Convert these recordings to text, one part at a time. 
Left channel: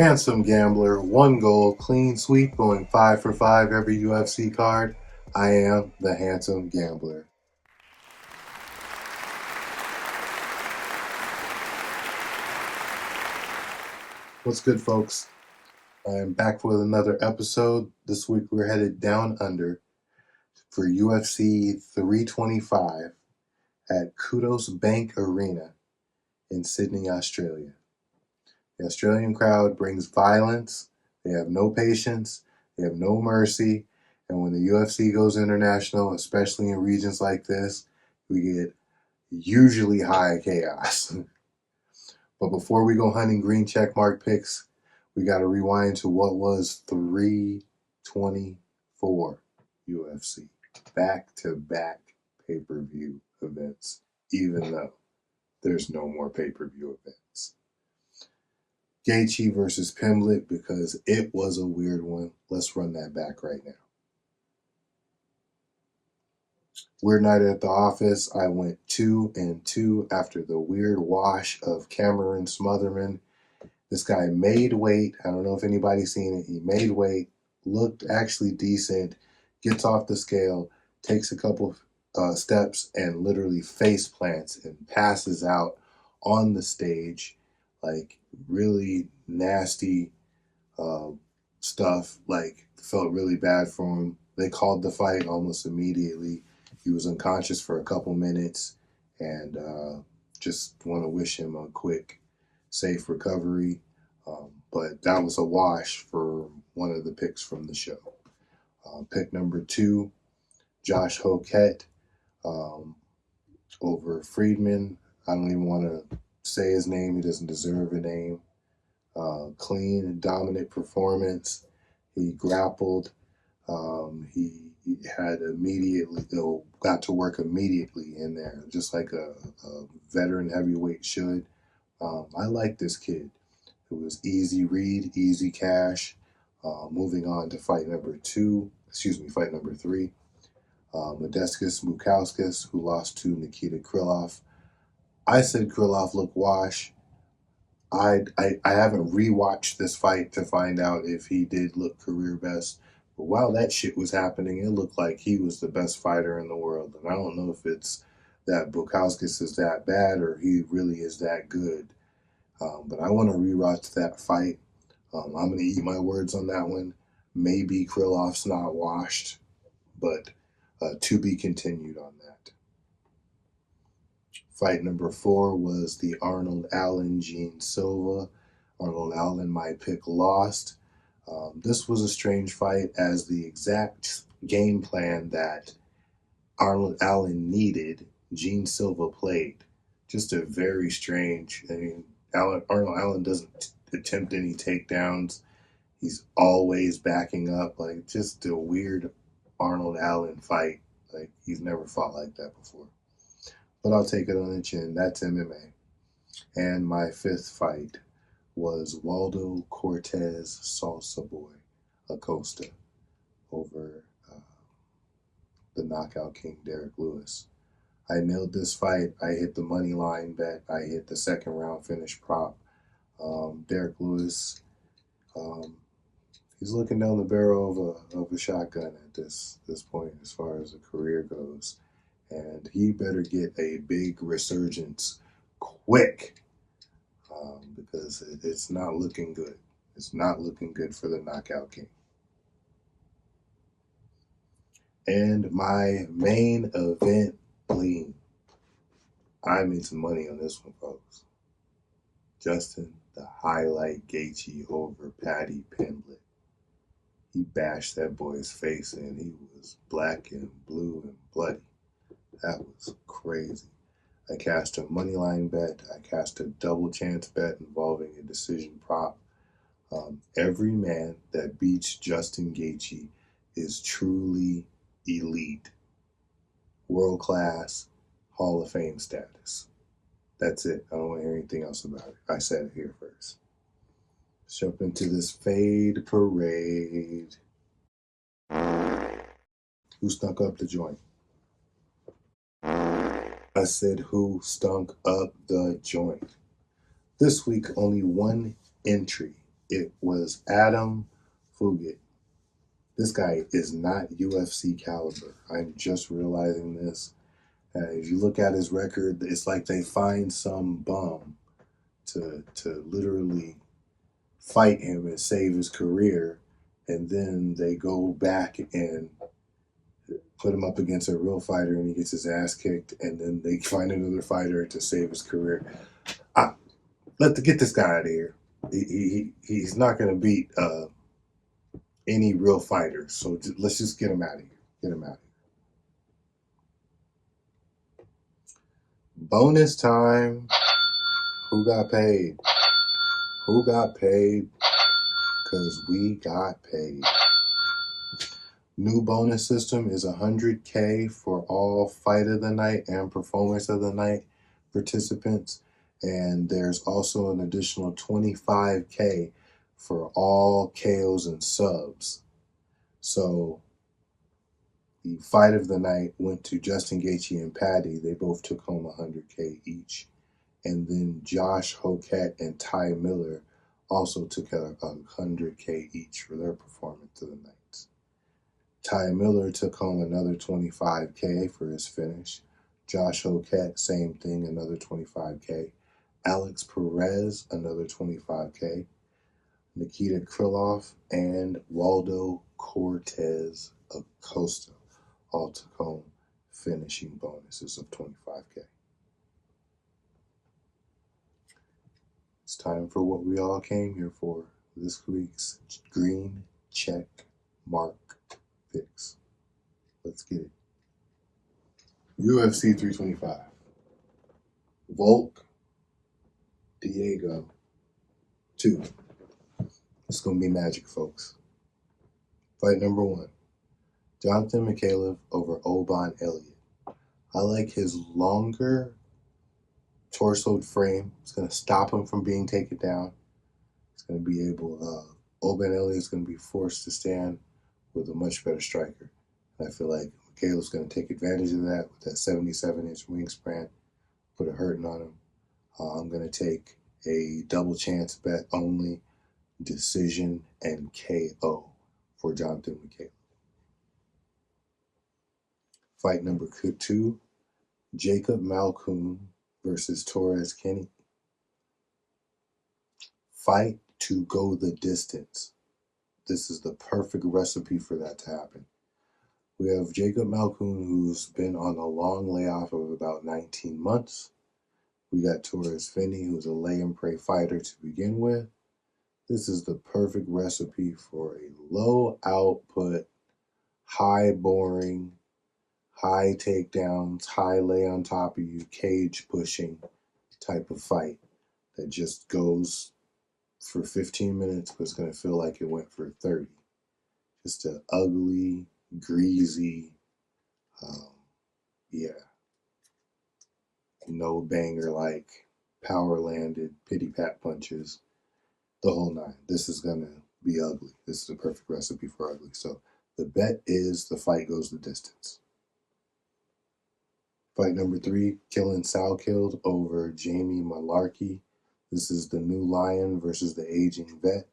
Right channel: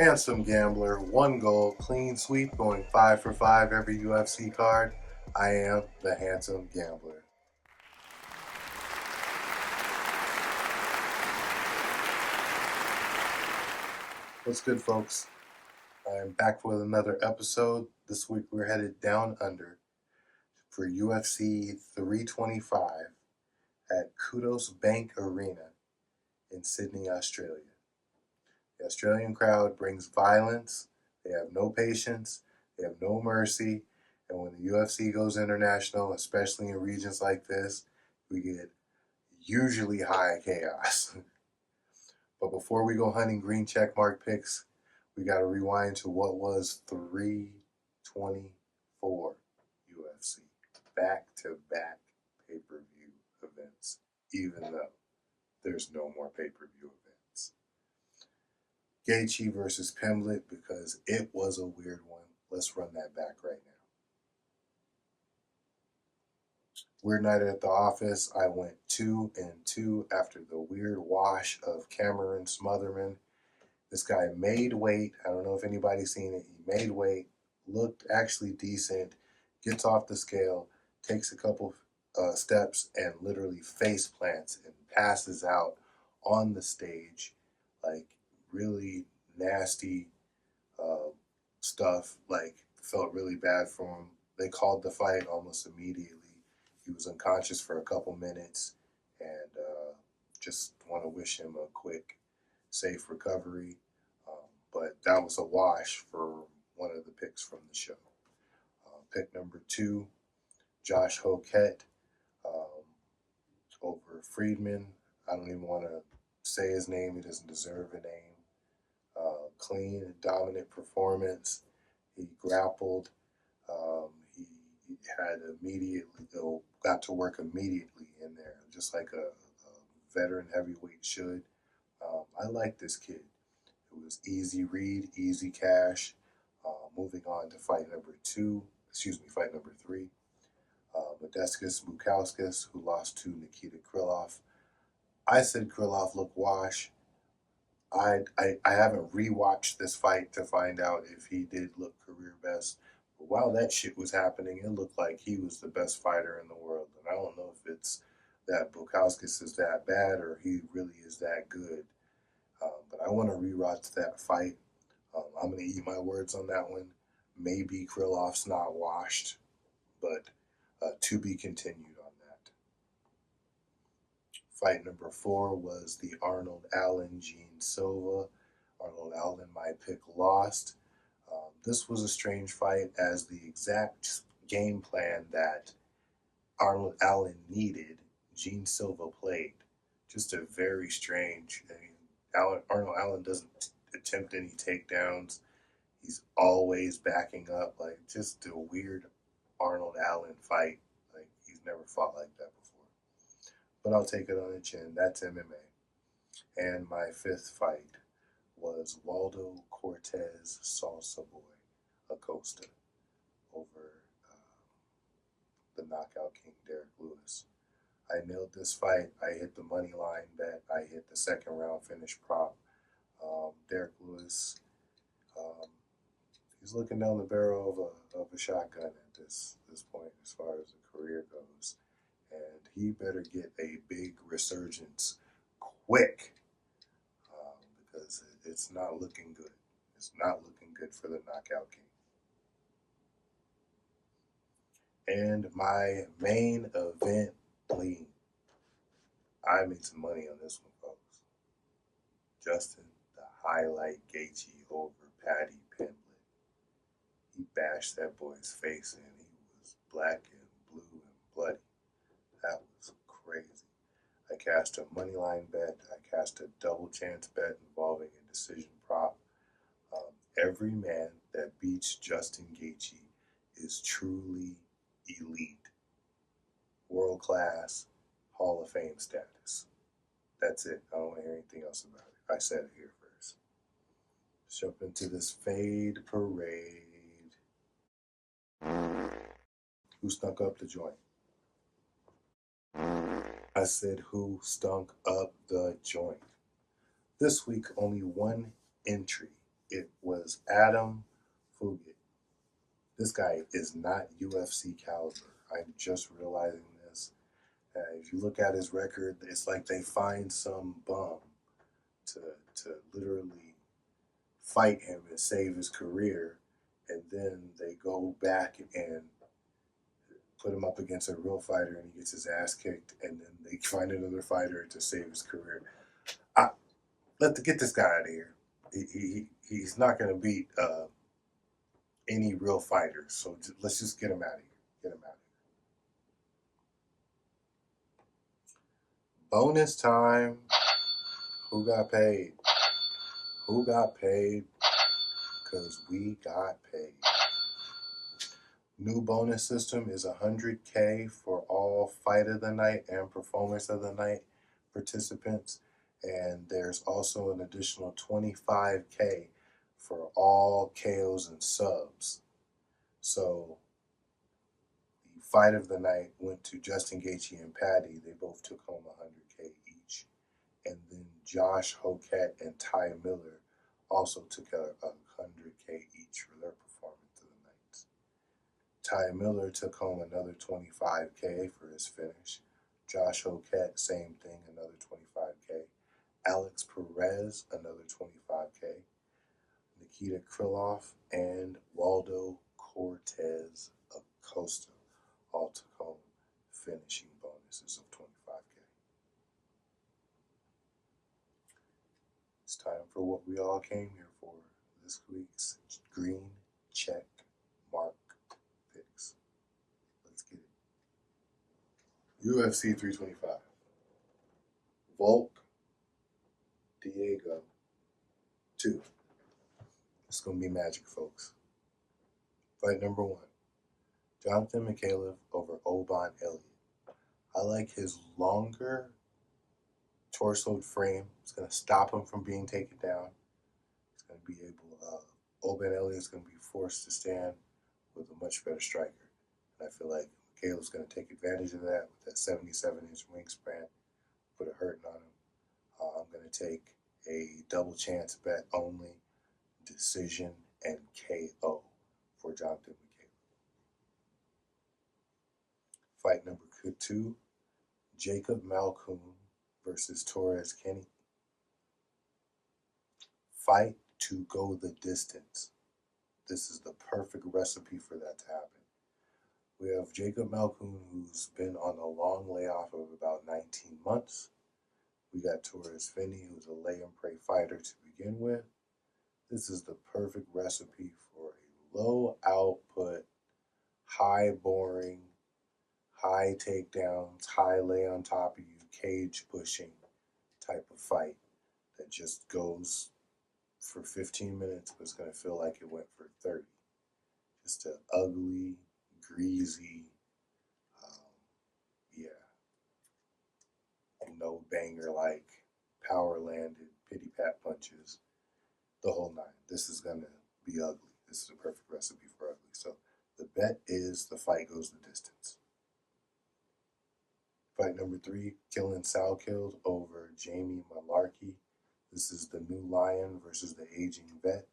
Handsum Gambler, one goal, clean sweep, going 5 for 5 every UFC card. I am the Handsome Gambler. What's good, folks? I'm back with another episode. This week we're headed down under for UFC 325 at Kudos Bank Arena in Sydney, Australia. The Australian crowd brings violence. They have no patience. They have no mercy. And when the UFC goes international, especially in regions like this, we get usually high chaos. But before we go hunting green check mark picks, we got to rewind to what was 324 UFC. Back-to-back pay-per-view events, even though there's no more pay-per-view events. Gaethje versus Pimblett, because it was a weird one. Let's run that back right now. Weird night at the office. I went 2-2 after the weird wash of Cameron Smotherman. This guy made weight. I don't know if anybody's seen it. He made weight, looked actually decent, gets off the scale, takes a couple steps, and literally face plants and passes out on the stage. Like, really nasty stuff. Like, felt really bad for him. They called the fight almost immediately. He was unconscious for a couple minutes, and just want to wish him a quick, safe recovery. But that was a wash for one of the picks from the show. Pick number 2, Josh Hoquette over Friedman. I don't even want to say his name. He doesn't deserve a name. Clean and dominant performance. He grappled. He had got to work immediately in there, just like a veteran heavyweight should. I like this kid. It was easy read, easy cash. Moving on to fight number 3. Modestas Bukauskas, who lost to Nikita Krylov. I said Krylov looked wash. I haven't rewatched this fight to find out if he did look career best. But while that shit was happening, it looked like he was the best fighter in the world. And I don't know if it's that Bukauskas is that bad or he really is that good. But I want to rewatch that fight. I'm going to eat my words on that one. Maybe Krylov's not washed, but to be continued on that. Fight number 4 was the Arnold Allen-Gene Silva. Arnold Allen, my pick, lost. This was a strange fight, as the exact game plan that Arnold Allen needed, Gene Silva played. Just a very strange. Arnold Allen doesn't attempt any takedowns. He's always backing up. Like, just a weird Arnold Allen fight. Like, he's never fought like that before. But I'll take it on the chin. That's MMA. And my 5th fight was Waldo Cortez Salsa Boy Acosta over the knockout king Derek Lewis. I nailed this fight. I hit the money line bet. I hit the second round finish prop. Derek Lewis, he's looking down the barrel of a shotgun at this point as far as the career goes. And he better get a big resurgence quick, because it's not looking good. It's not looking good for the knockout king. And my main event lean. I made some money on this one, folks. Justin the Highlight Gaethje over Paddy Pimblett. He bashed that boy's face in. He was black and blue and bloody. That was crazy. I cashed a moneyline bet. I cashed a double chance bet involving a decision prop. Every man that beats Justin Gaethje is truly elite, world class, Hall of Fame status. That's it. I don't want to hear anything else about it. I said it here first. Let's jump into this fade parade. Who stunk up the joint? I said, who stunk up the joint? This week, only one entry It was Adam Fugit. This guy is not UFC caliber. I'm just realizing this. If you look at his record, it's like they find some bum to literally fight him and save his career, and then they go back and put him up against a real fighter, and he gets his ass kicked, and then they find another fighter to save his career. Get this guy out of here. He's not going to beat any real fighter. So let's just get him out of here. Get him out of here. Bonus time. Who got paid? Who got paid? Because we got paid. New bonus system is $100K for all fight of the night and performance of the night participants. And there's also an additional $25K for all KOs and subs. So the fight of the night went to Justin Gaethje and Patty. They both took home $100K each. And then Josh Hoket and Ty Miller also took $100K each for their performance of the night. Ty Miller took home another $25K for his finish. Josh Hoket, same thing, another $25K. Alex Perez, another $25K. Nikita Krylov and Waldo Cortez Acosta all took home finishing bonuses of $25K. It's time for what we all came here for, this week's green check mark picks. Let's get it. UFC 325. Volk Diego 2. It's going to be magic, folks. Fight number 1. Jonathan Mikhailov over Oban Elliott. I like his longer torsoed frame. It's going to stop him from being taken down. It's going to be able, Oban Elliott's going to be forced to stand with a much better striker. And I feel like Mikhailov's going to take advantage of that with that 77-inch wingspan, put a hurting on him. I'm going to take a double chance bet only, decision, and KO for Jonathan Mikhailov. Fight number 2, Jacob Malkoun versus Torres Kenny. Fight to go the distance. This is the perfect recipe for that to happen. We have Jacob Malkoun, who's been on a long layoff of about 19 months. We got Torres Finney, who's a lay and pray fighter to begin with. This is the perfect recipe for a low output, high boring, high takedowns, high lay on top of you, cage pushing type of fight that just goes for 15 minutes, but it's going to feel like it went for 30. Just an ugly, greasy, no banger like power landed, pity pat punches, the whole nine. This is going to be ugly. This is a perfect recipe for ugly. So the bet is the fight goes the distance. Fight number 3, Killing Salkilled over Jamie Malarkey. This is the new lion versus the aging vet.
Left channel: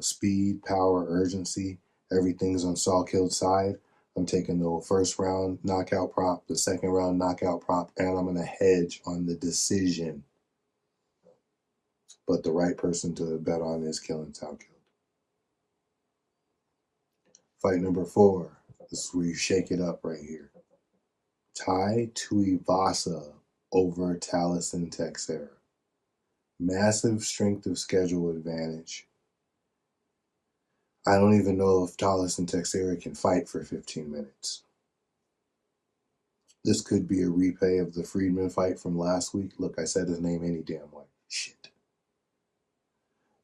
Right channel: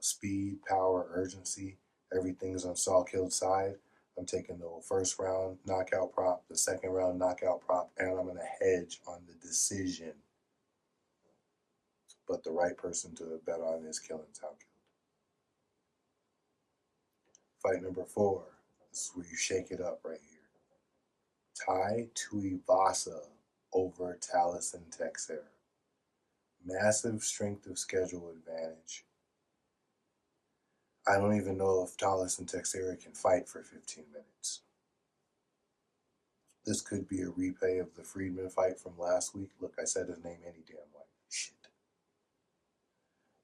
Speed, power, urgency, everything's on Salkilled's side. I'm taking the first round knockout prop, the second round knockout prop, and I'm going to hedge on the decision. But the right person to bet on is Killing Salkilled. Fight number 4. This is where you shake it up right here. Tai Tuivasa over Taliesin Texera. Massive strength of schedule advantage. I don't even know if Taliesin Texera can fight for 15 minutes. This could be a replay of the Friedman fight from last week. Look, I said his name any damn way. Shit.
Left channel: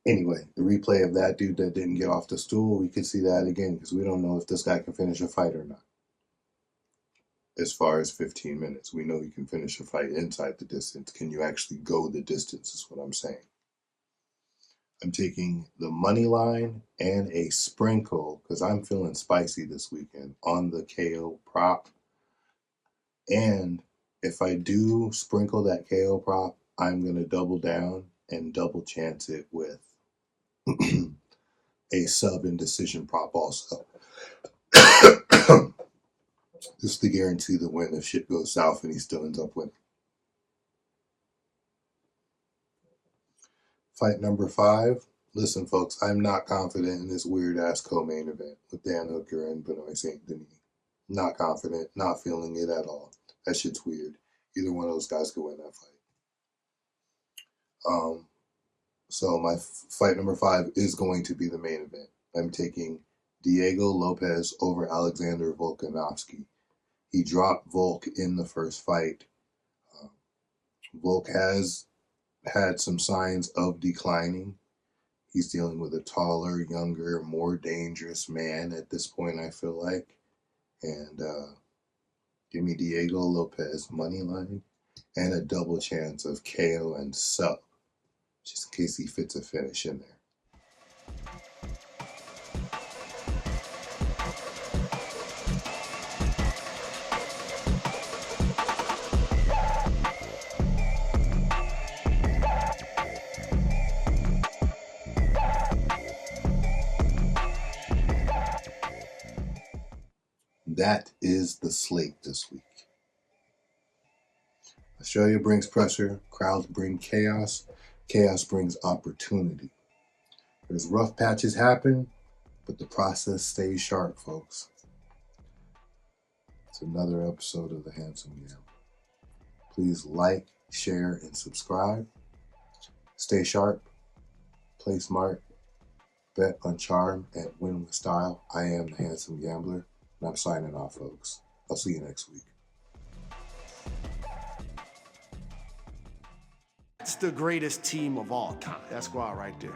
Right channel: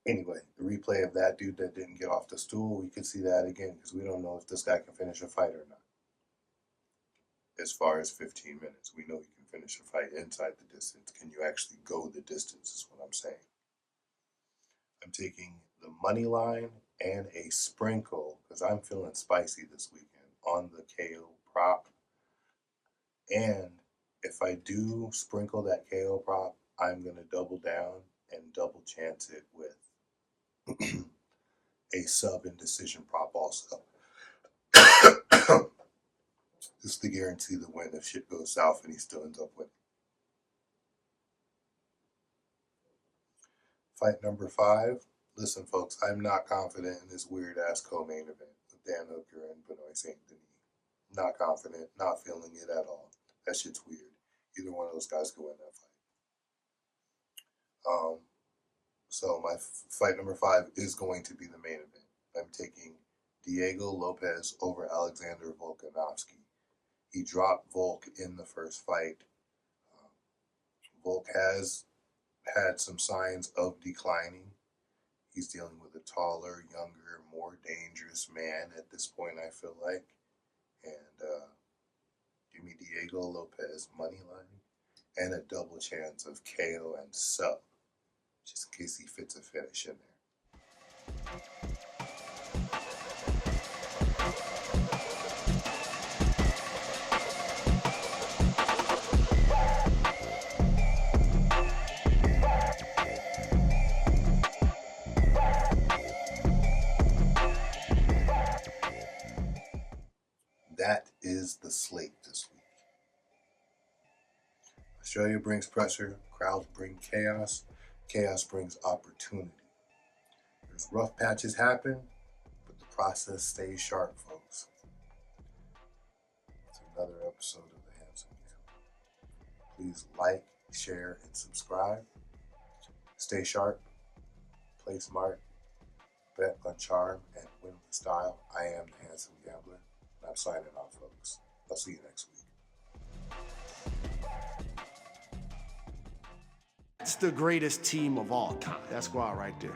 Anyway, the replay of that dude that didn't get off the stool, we could see that again because we don't know if this guy can finish a fight or not. As far as 15 minutes, we know he can finish a fight inside the distance. Can you actually go the distance is what I'm saying. I'm taking the money line and a sprinkle because I'm feeling spicy this weekend on the KO prop. And if I do sprinkle that KO prop, I'm going to double down and double chance it with a sub indecision prop also. Just to guarantee the win if shit goes south and he still ends up winning. Fight number 5. Listen, folks, I'm not confident in this weird ass co-main event with Dan Hooker and Benoit Saint Denis. Not confident, not feeling it at all. That shit's weird. Either one of those guys could win that fight. So my fight number 5 is going to be the main event. I'm taking Diego Lopes over Alexander Volkanovski. He dropped Volk in the first fight. Volk has had some signs of declining. He's dealing with a taller, younger, more dangerous man at this point, I feel like. And give me Diego Lopes money line and a double chance of KO and sub, just in case he fits a finish in there. That is the slate this week. Australia brings pressure, crowds bring chaos, chaos brings opportunity. There's rough patches happen, but the process stays sharp, folks. It's another episode of the Handsum Gambler. Please like, share, and subscribe. Stay sharp, play smart, bet on charm, and win with style. I am the Handsum Gambler, and I'm signing off, folks. I'll see you next week. It's the greatest team of all time. That squad right there.